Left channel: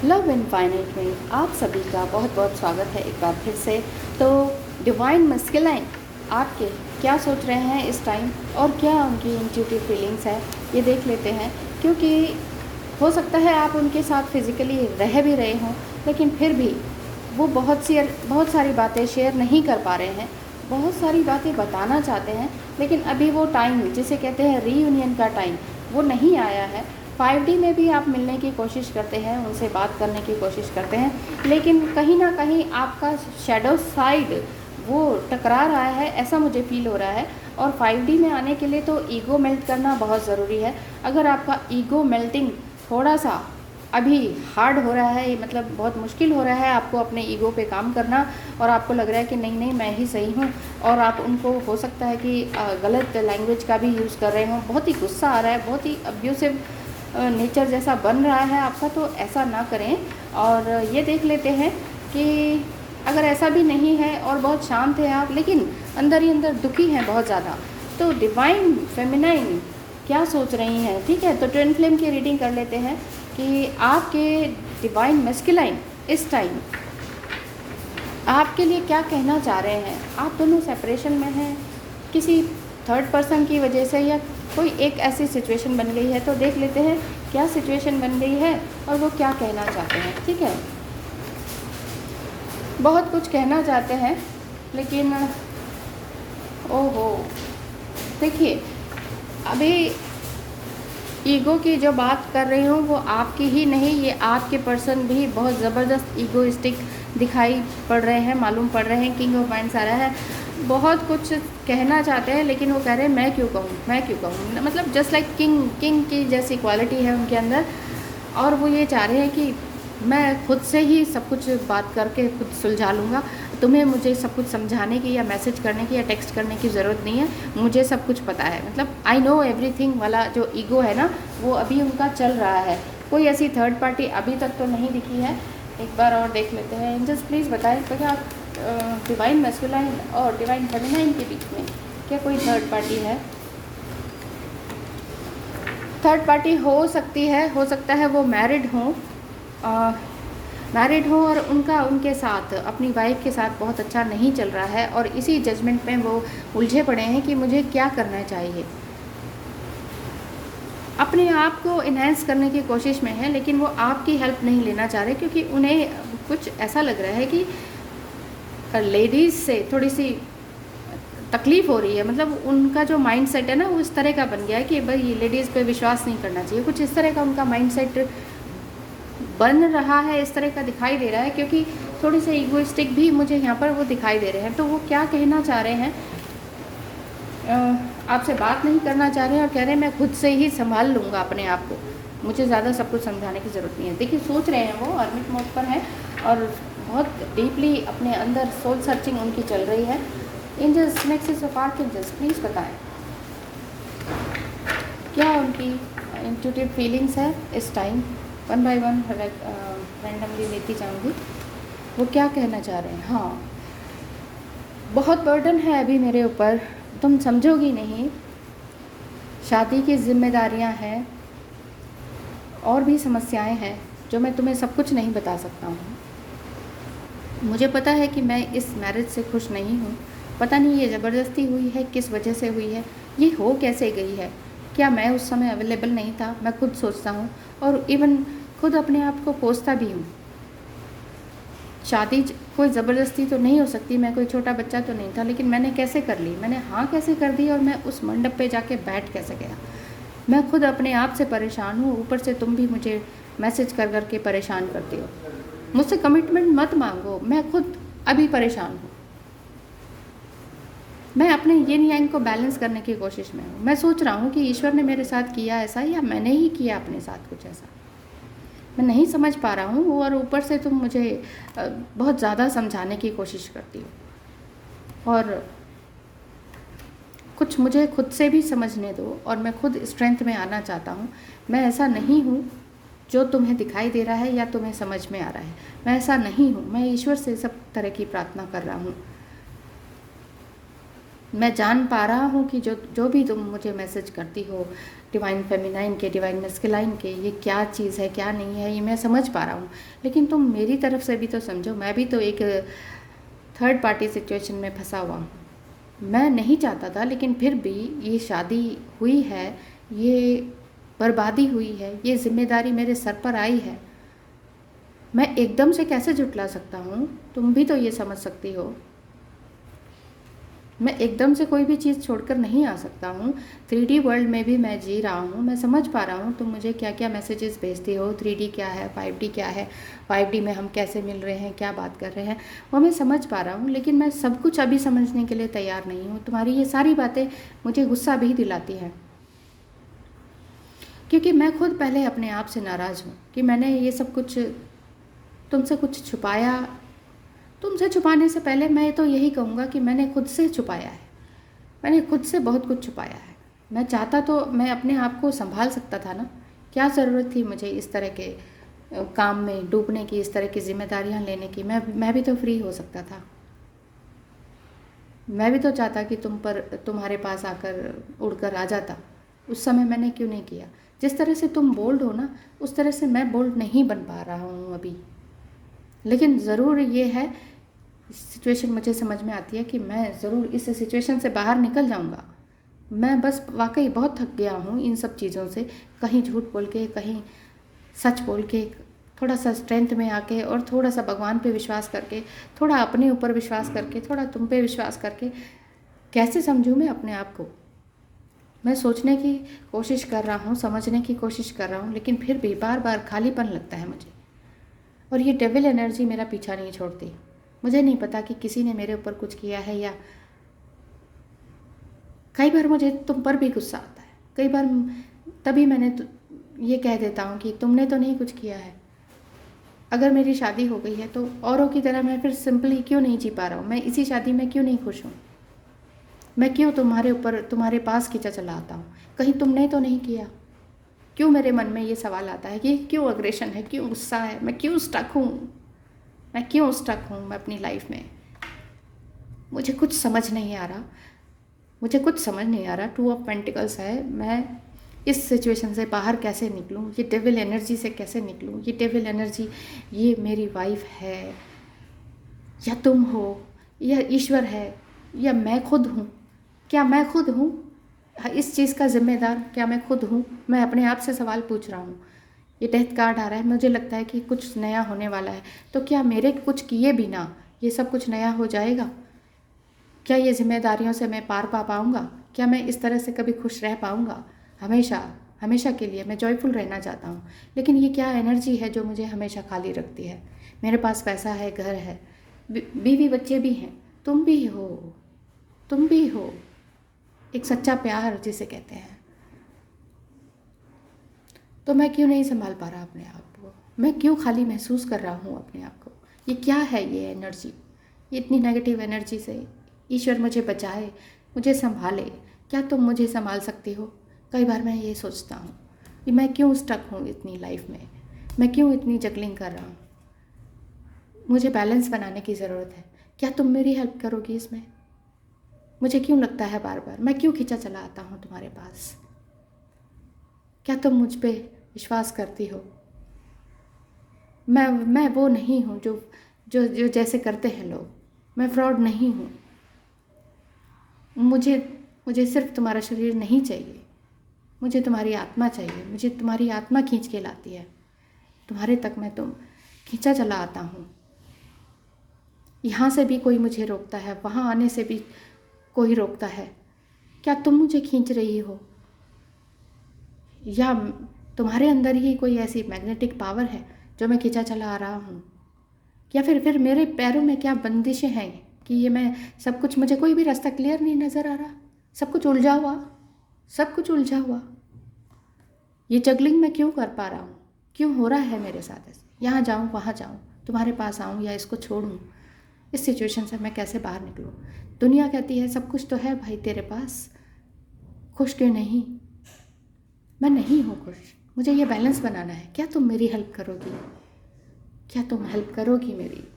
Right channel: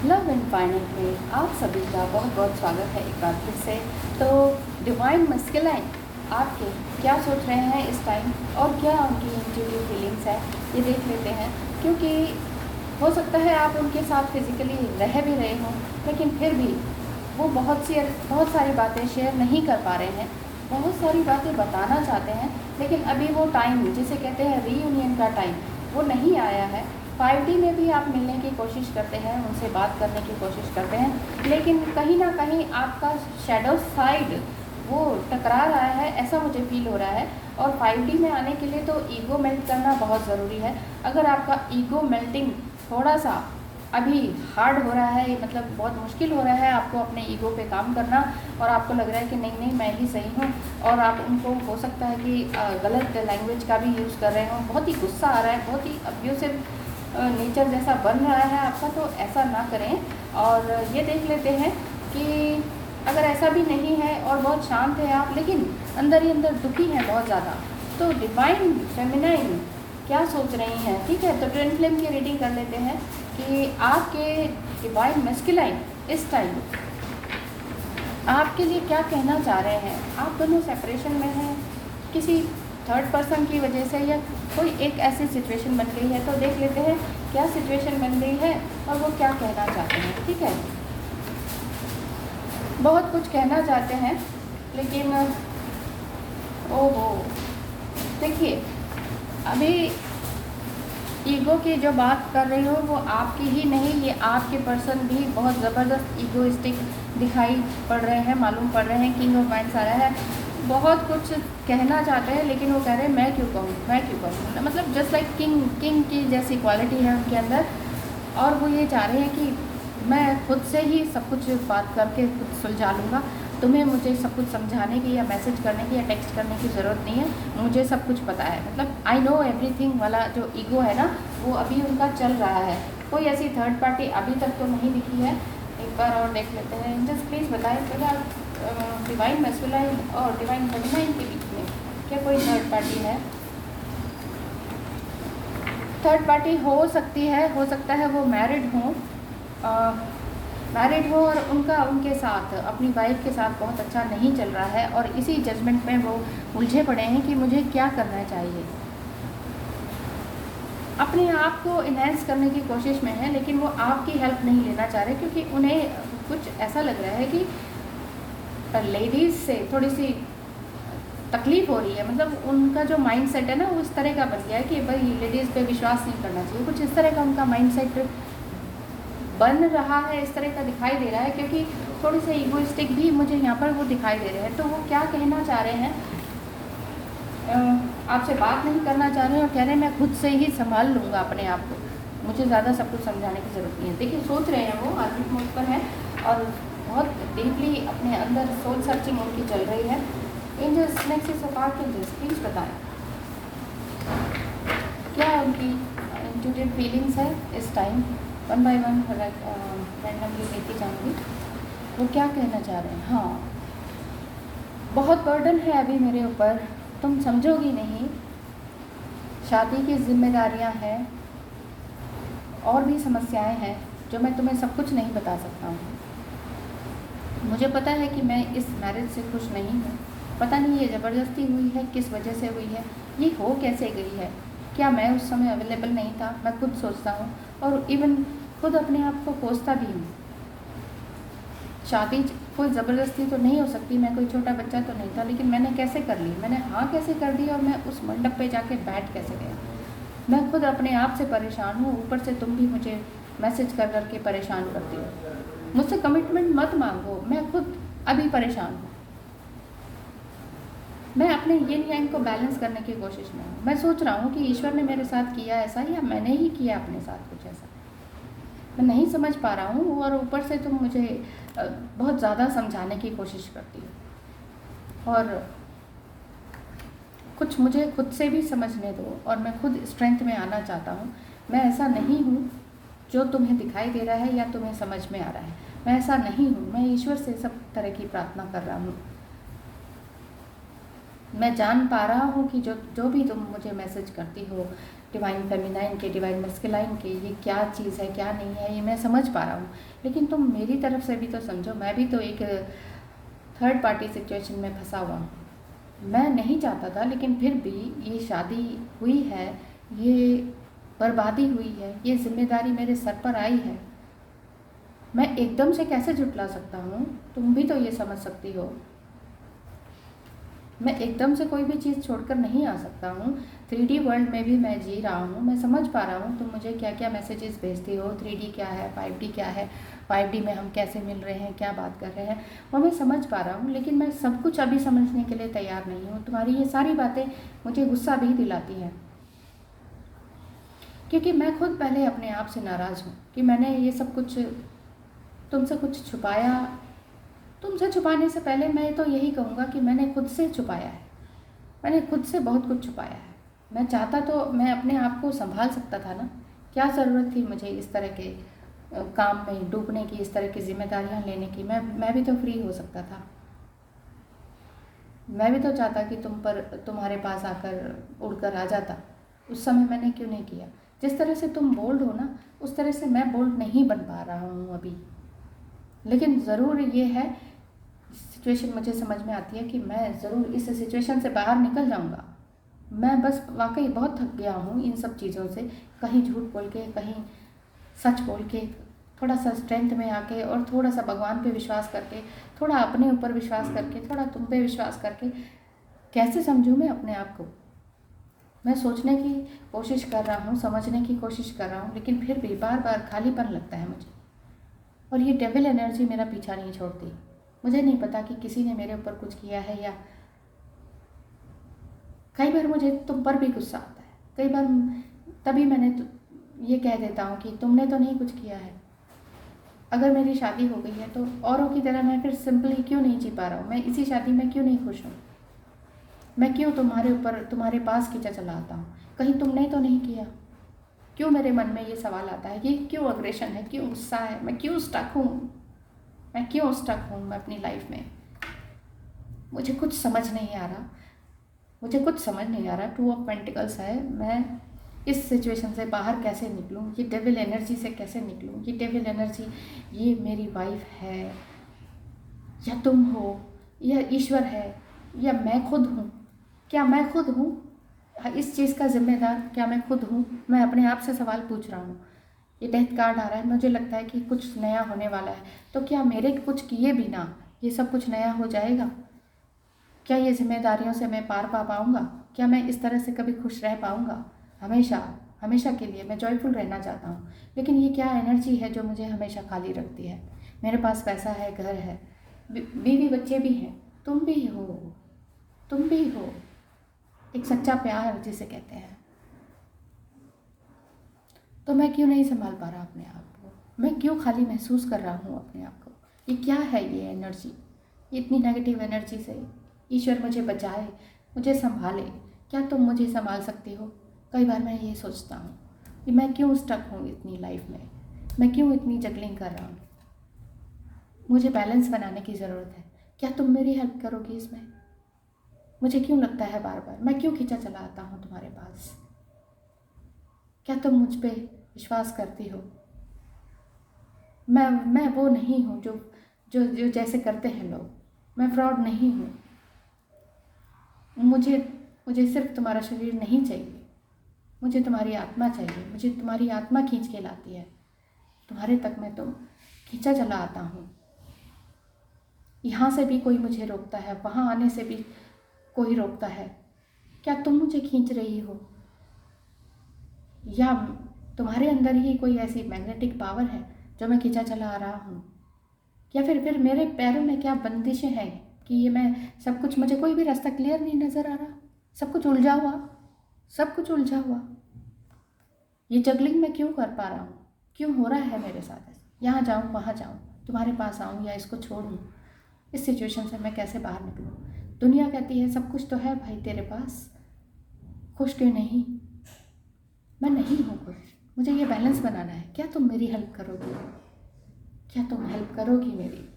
Love and finite में आप सभी का बहुत बहुत स्वागत है एक बार फिर से। तो डिवाइन मस्कुलाइन आपके क्या सोच रहे हैं इस टाइम और क्या उनकी इंट्यूटिव फीलिंग्स है, ये देख लेते हैं। क्योंकि हो सकता है आप उनके साथ फिज़िकली रह भी रहे हों, लेकिन फिर भी वो बहुत सारी बातें शेयर नहीं कर पा रहे हैं, बहुत सारी बातें बताना चाहते हैं, लेकिन अभी वो टाइम जिसे कहते हैं रीयूनियन का टाइम वो नहीं आया है। 5D में भी आप मिलने की कोशिश करते हैं, उनसे बात करने की कोशिश करते हैं, लेकिन कहीं ना कहीं आपका शैडो साइड वो टकरा रहा है, ऐसा मुझे फील हो रहा है। और 5D में आने के लिए तो ईगो मेल्ट करना बहुत ज़रूरी है। अगर आपका ईगो मेल्टिंग थोड़ा सा अभी हार्ड हो रहा है, मतलब बहुत मुश्किल हो रहा है आपको अपने ईगो पे काम करना, और आपको लग रहा है कि नहीं नहीं मैं ही सही हूँ, और आप उनको हो सकता है कि गलत लैंग्वेज का भी यूज़ कर रहे हो, बहुत ही गुस्सा आ रहा है, बहुत ही अब्यूसिव नेचर जैसा बन रहा है आपका, तो ऐसा ना करें। और ये देख लेते हैं कि अगर ऐसा भी नहीं है और बहुत शांत है आप, लेकिन अंदर ही अंदर दुखी हैं बहुत ज़्यादा, तो डिवाइन फेमिनाइन क्या सोच रही हैं। ठीक है, तो ट्विन फ्लेम की रीडिंग कर लेते हैं कि आपके डिवाइन मैस्कुलाइन इस टाइम आपके लिए क्या कहना चाह रहे हैं। आप दोनों सेपरेशन में हैं किसी थर्ड पर्सन की वजह से, या कोई एक ऐसी सिचुएशन बन गई है, तो देख लेते हैं क्या सिचुएशन बन गई है और वो क्या कहना चाहते हैं। ठीक है, बहुत कुछ कहना चाहते हैं, लेकिन ओहो देखिए, अभी ईगो की जो बात कर रही हूँ वो आपकी ही नहीं, ये आपके पर्सन भी बहुत ज़बरदस्त ईगोइस्टिक दिखाई पड़ रहे हैं, मालूम पड़ रहे हैं। किंग ऑफ वाइंड्स आ रहा है, बहुत कुछ कहना चाहते हैं, लेकिन वो कह रहे हैं मैं क्यों कहूँ, मैं क्यों कहूँ, मतलब जस्ट लाइक किंग की जैसी क्वालिटी है उनके अंदर। और वो ये चाह रहे हैं कि मैं खुद से ही सब कुछ बात करके खुद सुलझा लूँगा, तुम्हें मुझे सब कुछ समझाने की या मैसेज करने की या टेक्स्ट करने की ज़रूरत नहीं है, मुझे सब कुछ पता है, मतलब आई नो एवरीथिंग वाला जो ईगो है ना, वो अभी उनका चल रहा है। कोई ऐसी थर्ड पार्टी अभी तक तो नहीं दिखी है। एक बार और देख लेते हैं। एंजल्स प्लीज़ बताएं भैया, डिवाइन मैस्कुलाइन और डिवाइन फेमिनाइन के बीच में क्या कोई थर्ड पार्टी है। थर्ड पार्टी हो सकती है, हो सकता है वो मैरिड हो और उनका उनके साथ अपनी वाइफ के साथ बहुत अच्छा नहीं चल रहा है, और इसी जजमेंट में वो उलझे पड़े हैं कि मुझे क्या करना चाहिए। अपने आप को इन्हेंस करने की कोशिश में है, लेकिन वो आपकी हेल्प नहीं लेना चाह रहे, क्योंकि उन्हें कुछ ऐसा लग रहा है कि लेडीज़ से थोड़ी सी तकलीफ़ हो रही है, मतलब उनका जो माइंड सेट है ना वो इस तरह का बन गया है कि भाई लेडीज़ पे विश्वास नहीं करना चाहिए, कुछ इस तरह का उनका माइंड सेट बन रहा है, इस तरह का दिखाई दे रहा है। क्योंकि थोड़ी सी ईगोइस्टिक भी मुझे यहाँ पर वो दिखाई दे रहे हैं। तो वो क्या कहना चाह रहे हैं, आपसे बात नहीं करना चाह रहे हैं और कह रहे हैं मैं खुद से ही संभाल लूँगा अपने आप को, मुझे ज़्यादा सब कुछ समझाने की ज़रूरत नहीं है। देखिए सोच रहे हैं, वो हर्मिट मोड पर है और बहुत डीपली अपने अंदर सोच सर्चिंग उनकी चल रही है। एंजल्स मैक्सिस ऑफ आर्कएंजल्स प्लीज़ बताएं क्या उनकी इंट्यूटिव फीलिंग्स है इस time. One by one randomly लेती जाऊँगी, वो क्या कहना चाह रहे हैं। हाँ, बहुत बर्डन है अभी मेरे ऊपर, तुम समझोगी नहीं, शादी की जिम्मेदारियां हैं और भी समस्याएं हैं जो मैं तुम्हें सब कुछ नहीं बता सकता हूँ। मुझे पता है कि मैं इस मैरिज से खुश नहीं हूँ, पता नहीं ये ज़बरदस्ती हुई है, किस वजह से हुई है, ये हो कैसे गई है, क्या मैं उस समय अवेलेबल नहीं था। मैं खुद सोचता हूँ और इवन खुद अपने आप को कोसता भी हूँ। शादी कोई ज़बरदस्ती तो नहीं हो सकती, मैं कोई छोटा बच्चा तो नहीं था, लेकिन मैंने कैसे कर ली, मैंने हाँ कैसे कर दी, और मैं उस मंडप पे जाके बैठ कैसे गया। मैं खुद अपने आप से परेशान हूँ, ऊपर से तुम भी मुझे मैसेज कर कर के परेशान करती हो। मुझसे कमिटमेंट मत मांगो, मैं खुद अभी परेशान हूँ। मैं अपने यिन यांग को बैलेंस करने की कोशिश में हूँ। मैं सोच रहा हूँ कि ईश्वर ने मेरे साथ किया ऐसा या मैंने ही किया अपने साथ कुछ ऐसा, मैं नहीं समझ पा रहा हूँ। और ऊपर से तुम मुझे बहुत ज़्यादा समझाने की कोशिश करती हो, और कुछ मुझे खुद से भी समझने दो, और मैं खुद स्ट्रेंथ में आना चाहता हूँ। मैं ऐसा नहीं हूँ जो तुम्हें दिखाई दे रहा है या तुम्हें समझ में आ रहा है, मैं ऐसा नहीं हूँ। मैं ईश्वर से सब तरह की प्रार्थना कर रहा हूँ। मैं जान पा रहा हूँ कि जो भी तुम मुझे मैसेज करती हो डिवाइन फेमिनाइन के, डिवाइन मस्कुलाइन के, ये क्या चीज़ है क्या नहीं है ये मैं समझ पा रहा हूँ, लेकिन तुम मेरी तरफ से भी तो समझो। मैं भी तो एक थर्ड पार्टी सिचुएशन में फंसा हुआ हूँ। मैं नहीं चाहता था, लेकिन फिर भी ये शादी हुई है, ये बर्बादी हुई है, ये जिम्मेदारी मेरे सर पर आई है। मैं एकदम से कैसे जुटला सकता हूँ? तुम भी तो ये समझ सकती हो। मैं एकदम से कोई भी चीज़ छोड़कर नहीं आ सकता हूँ। 3D वर्ल्ड में भी मैं जी रहा हूँ, मैं समझ पा रहा हूँ तुम मुझे क्या क्या मैसेजेस भेजते हो। 3D क्या है, 5D क्या है, 5D में हम कैसे मिल रहे हैं, क्या बात कर रहे हैं, वो मैं समझ पा रहा हूँ। लेकिन मैं सब कुछ अभी समझने के लिए तैयार नहीं हूँ। तुम्हारी ये सारी बातें मुझे गुस्सा भी दिलाती हैं, क्योंकि मैं खुद पहले अपने आप से नाराज़ हूँ कि मैंने ये सब कुछ तुमसे कुछ छुपाया। तुमसे छुपाने से पहले मैं तो यही कहूँगा कि मैंने खुद से छुपाया है। मैंने खुद से बहुत कुछ छुपाया है। मैं चाहता तो मैं अपने आप को संभाल सकता था ना। क्या ज़रूरत थी मुझे इस तरह के काम में डूबने की, इस तरह की जिम्मेदारियां लेने की। मैं भी तो फ्री हो सकता था। मैं भी तो चाहता कि तुम्हारे पास आकर उड़कर आ जाता। उस समय मैंने क्यों नहीं किया? जिस तरह से तुम बोल्ड हो ना, उस तरह से मैं बोल्ड नहीं बन पा रहा हूँ अभी। लेकिन ज़रूर ये है, सिचुएशन मुझे समझ में आती है कि मैं ज़रूर इस सिचुएशन से बाहर निकल जाऊंगा। मैं बस वाकई बहुत थक गया हूँ इन सब चीज़ों से। कहीं झूठ बोल के, कहीं सच बोल के, थोड़ा सा स्ट्रेंथ में आके और थोड़ा सा भगवान पे विश्वास करके, थोड़ा अपने ऊपर विश्वास करके, थोड़ा तुम पे विश्वास करके कैसे समझूँ मैं अपने आप को? मैं सोचने की कोशिश कर रहा हूँ, समझने की कोशिश कर रहा हूँ, लेकिन फिर भी बार बार खालीपन लगता है मुझे। और ये डेविल एनर्जी मेरा पीछा नहीं छोड़ती। मुझे नहीं पता कि किसी ने मेरे ऊपर कुछ किया है, या कई बार मुझे तुम पर भी गुस्सा आता है। कई बार तभी मैंने ये कह देता हूँ कि तुमने तो नहीं कुछ किया है। अगर मेरी शादी हो गई है तो औरों की तरह मैं फिर सिंपली क्यों नहीं जी पा रहा हूँ? मैं इसी शादी में क्यों नहीं खुश हूँ? मैं क्यों तुम्हारे ऊपर, तुम्हारे पास खींचा चला आता हूँ? कहीं तुमने तो नहीं किया? क्यों मेरे मन में ये सवाल आता है कि क्यों अग्रेशन है, क्यों गुस्सा है, मैं क्यों स्टक हूँ? मैं क्यों स्टक हूँ मैं अपनी लाइफ में? मुझे कुछ समझ नहीं आ रहा। मुझे कुछ समझ नहीं आ रहा। 2 ऑफ पेंटिकल्स है। मैं इस सिचुएशन से बाहर कैसे निकलूं? ये डेविल एनर्जी से कैसे निकलूं? ये डेविल एनर्जी, ये मेरी वाइफ है, या तुम हो, या ईश्वर है, या मैं खुद हूँ? क्या मैं खुद हूँ इस चीज़ का जिम्मेदार? क्या मैं खुद हूँ? मैं अपने आप से सवाल पूछ रहा हूँ। ये डेथ कार्ड आ रहा है, मुझे लगता है कि कुछ नया होने वाला है। तो क्या मेरे कुछ किए बिना ये सब कुछ नया हो जाएगा? क्या ये जिम्मेदारियों से मैं पार पा पाऊँगा? क्या मैं इस तरह से कभी खुश रह पाऊँगा? हमेशा, हमेशा के लिए मैं जॉयफुल रहना चाहता हूँ, लेकिन ये क्या एनर्जी है जो मुझे हमेशा खाली रखती है? मेरे पास पैसा है, घर है, बीवी बच्चे भी हैं, तुम भी हो, तुम भी हो, एक सच्चा प्यार जिसे कहते हैं। तो मैं क्यों नहीं संभाल पा रहा अपने आप को? मैं क्यों खाली महसूस कर रहा हूँ अपने आप को? ये क्या है ये एनर्जी, ये इतनी नेगेटिव एनर्जी से? ईश्वर मुझे बचाए, मुझे संभाले। क्या तुम मुझे संभाल सकते हो? कई बार मैं ये सोचता हूँ कि मैं क्यों स्टक हूँ इतनी लाइफ में, मैं क्यों इतनी जगलिंग कर रहा हूँ? मुझे बैलेंस बनाने की ज़रूरत है। क्या तुम मेरी हेल्प करोगी इसमें? मुझे क्यों लगता है बार बार, मैं क्यों खींचा चला आता हूँ तुम्हारे पास? क्या तुम मुझ पे विश्वास करती हो? मैं वो नहीं हूँ जो जो जो जैसे करते हैं लोग। मैं फ्रॉड नहीं हूँ। मुझे मुझे सिर्फ तुम्हारा शरीर नहीं चाहिए, मुझे तुम्हारी आत्मा चाहिए। मुझे तुम्हारी आत्मा खींच के लाती है। तुम्हारे तक मैं तुम खींचा चला आता हूँ। यहाँ से भी कोई मुझे रोकता है, वहाँ आने से भी कोई रोकता है। क्या तुम मुझे खींच रही हो, या तुम्हारे अंदर ही कोई ऐसी मैग्नेटिक पावर है जो मैं खींचा चला आ रहा हूँ? या फिर मेरे पैरों में क्या बंदिशें हैं कि ये मैं सब कुछ, मुझे कोई भी रास्ता क्लियर नहीं नज़र आ रहा? सब कुछ उलझा हुआ, सब कुछ उलझा हुआ। ये जगलिंग मैं क्यों कर पा रहा हूँ? क्यों हो रहा है मेरे साथ ऐसे? यहाँ जाऊँ, वहाँ जाऊँ, तुम्हारे पास आऊँ या इसको छोड़ूँ? इस सिचुएशन से मैं कैसे बाहर निकलूँ? दुनिया कहती है सब कुछ तो है भाई तेरे पास, खुश क्यों नहीं? मैं नहीं हूँ खुश। मुझे ये बैलेंस बनाना है। क्या तुम मेरी हेल्प करोगी? क्या तुम हेल्प करोगी मेरी?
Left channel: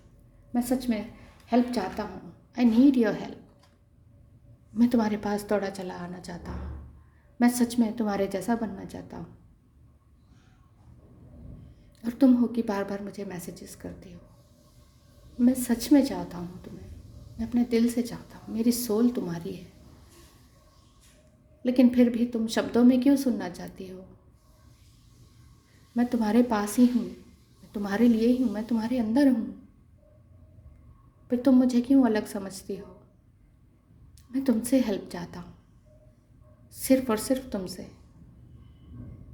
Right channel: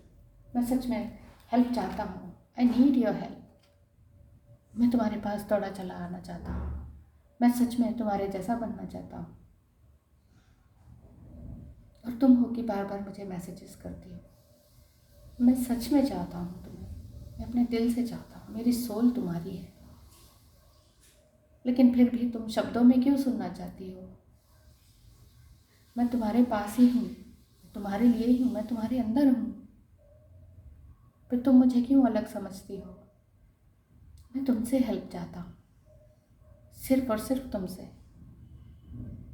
मैं सच में हेल्प चाहता हूँ। I need your help. मैं तुम्हारे पास दौड़ा चला आना चाहता हूँ। मैं सच में तुम्हारे जैसा बनना चाहता हूँ। और तुम हो कि बार बार मुझे मैसेजेस करती हो। मैं सच में चाहता हूँ तुम्हें, मैं अपने दिल से चाहता हूँ, मेरी सोल तुम्हारी है। लेकिन फिर भी तुम शब्दों में क्यों सुनना चाहती हो? मैं तुम्हारे पास ही हूँ, मैं तुम्हारे लिए ही हूँ, मैं तुम्हारे अंदर हूँ। फिर तुम मुझे क्यों अलग समझती हो? मैं तुमसे हेल्प चाहता हूँ, सिर्फ और सिर्फ तुमसे।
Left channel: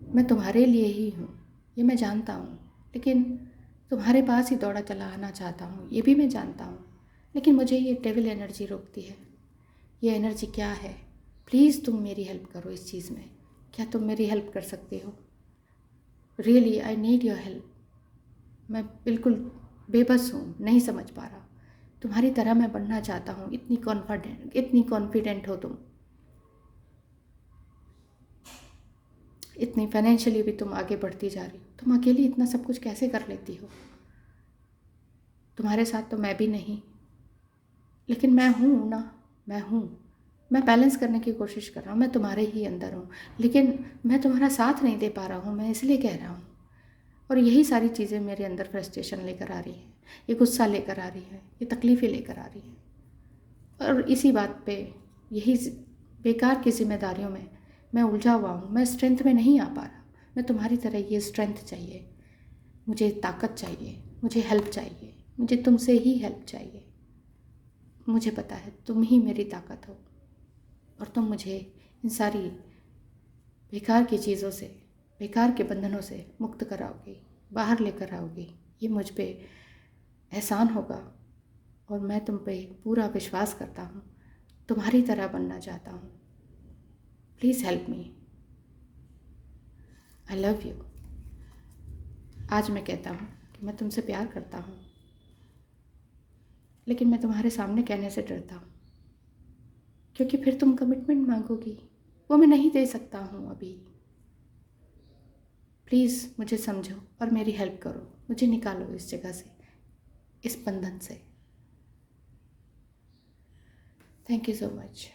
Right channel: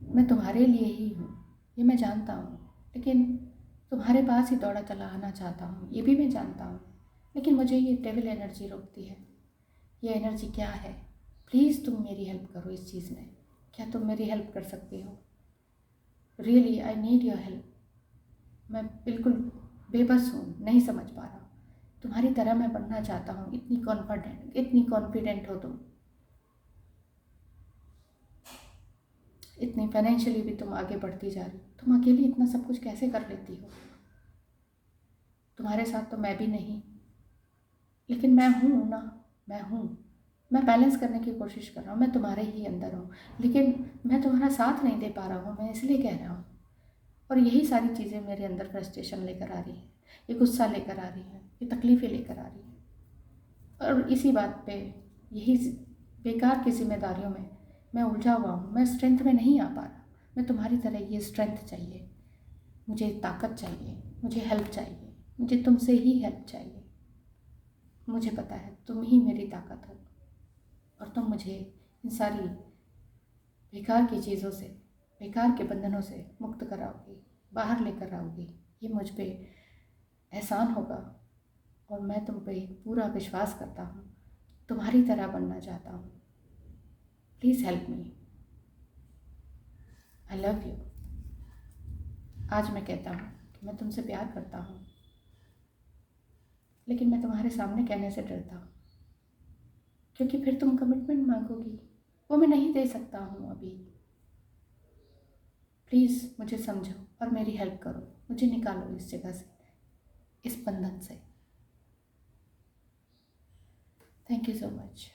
मैं तुम्हारे लिए ही हूँ, ये मैं जानता हूँ। लेकिन तुम्हारे पास ही दौड़ा चला आना चाहता हूँ, ये भी मैं जानता हूँ। लेकिन मुझे ये डेविल एनर्जी रोकती है। ये एनर्जी क्या है? प्लीज़ तुम मेरी हेल्प करो इस चीज़ में। क्या तुम मेरी हेल्प कर सकते हो? Really I need your help. मैं बिल्कुल बेबस हूँ, नहीं समझ पा रहा। तुम्हारी तरह मैं बनना चाहता हूँ। इतनी कॉन्फिडेंट हो तुम, इतनी फाइनेंशियली भी तुम आगे बढ़ती जा रही हो। तुम अकेली इतना सब कुछ कैसे कर लेती हो? तुम्हारे साथ तो मैं भी नहीं, लेकिन मैं हूँ ना, मैं हूँ। मैं बैलेंस करने की कोशिश कर रहा हूँ, मैं तुम्हारे ही अंदर हूँ। लेकिन मैं तुम्हारा साथ नहीं दे पा रहा हूँ, मैं इसलिए कह रहा हूँ। और यही सारी चीज़ें मेरे अंदर फ्रस्ट्रेशन लेकर आ रही है, ये गुस्सा लेकर आ रही है, ये तकलीफ़ें लेकर आ रही है। और इसी बात पे, यही बेकार की जिम्मेदारियों में मैं उलझा हुआ हूँ। मैं स्ट्रेंथ में नहीं आ पा रहा। मैं तुम्हारी तरह ये स्ट्रेंथ चाहिए, मुझे ताकत चाहिए, मुझे हेल्प चाहिए, मुझे तुमसे ही हेल्प चाहिए। मुझे पता है तुम ही मेरी ताकत हो, और तुम मुझे इन सारी बेकार की चीज़ों से, बेकार के बंधनों से मुक्त कराओगी, बाहर लेकर आओगी। ये मुझ पे एहसान होगा, और मैं तुम पे पूरा विश्वास करता हूँ। तुम्हारी तरह बनना चाहता हूँ। Please help me. I love you. आज मैं कहता हूँ कि मैं तुमसे प्यार करता हूँ, लेकिन मैं तुम्हारे सामने कहने से डरता हूँ, क्योंकि फिर तुम कमिटमेंट मांगोगी, वो मैं नहीं दे सकता हूँ अभी। प्लीज़ मुझे समझो और मेरी हेल्प करो, मुझे निकालो इस जगह से, इस बंधन से। Thank you so much.